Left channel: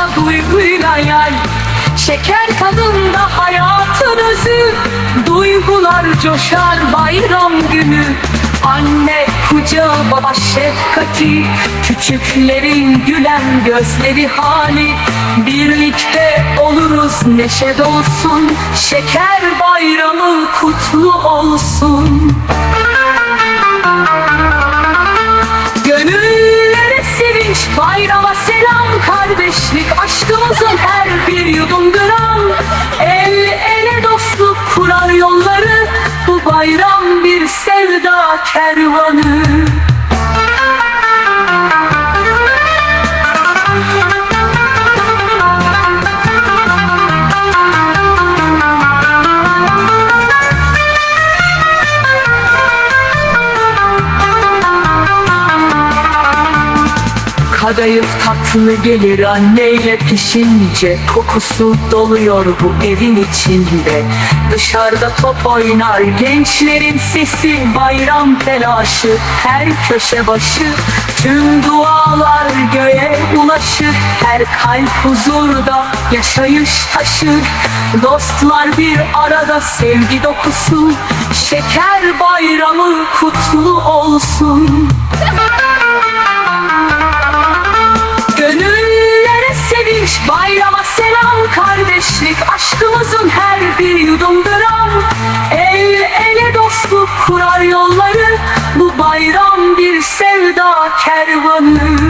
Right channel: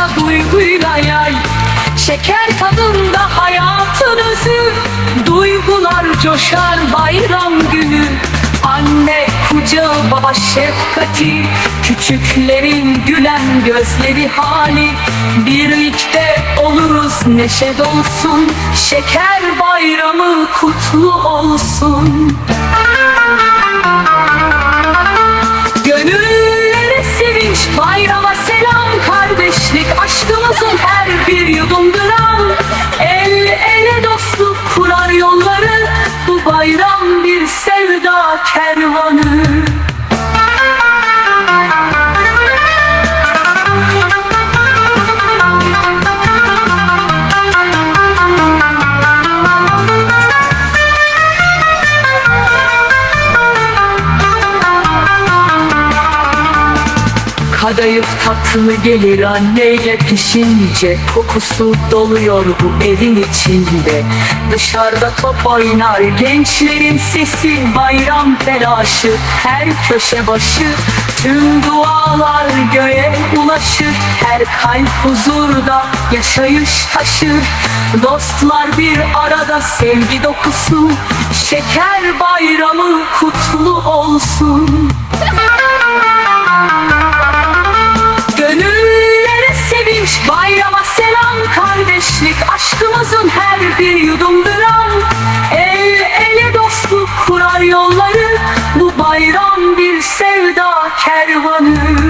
başka duyguyla yay. Şeker tadında hayatın özü. Duygular coşar bayram günü. Anne kucağı baba şefkati. Küçüklerin gülen gözleri hali Birlikte oluruz neşe dolsun. Şeker bayramı kutlu olsun. Gönüllere aşkımızın her bir yudum gram El ele dostluk kurar yolları Bu bayram bir sevda kervanı Kadayıf tatlı gelir anneyle pişince Kokusu doluyor bu evin içinde. Dışarıda top oynar gençlerin sesi Bayram telaşı her köşe başı. Tüm dualar göğe ulaşır Her kalp huzurda yaşayış taşır. Dostlar bir arada sevgi dokusu Şeker bayramı kutlu olsun bir yudum gram El ele dostluk kurar yolları. Bu bayram bir sevda kervanı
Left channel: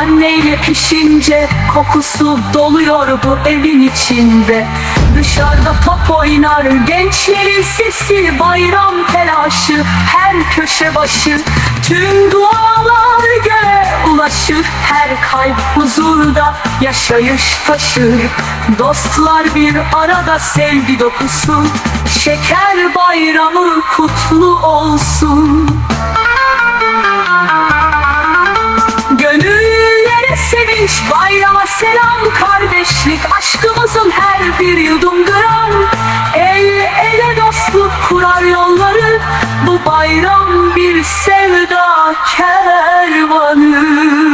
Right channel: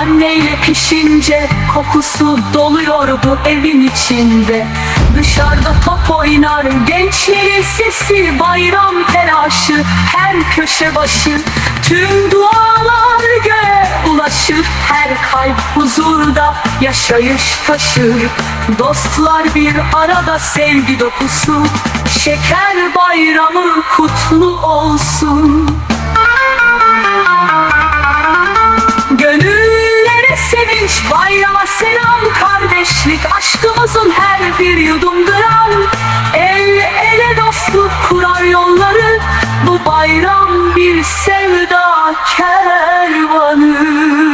anneyle pişince Kokusu doluyor bu evin içinde. Dışarıda top oynar gençlerin sesi Bayram telaşı her köşe başı. Tüm dualar göğe ulaşır Her kalp huzurda yaşayış taşır. Dostlar bir arada sevgi dokusu Şeker bayramı kutlu olsun bayrama selam Kardeşlik aşkımızın her bir yudum gram. El ele dostluk kurar yolları Bu bayram bir sevda kervanı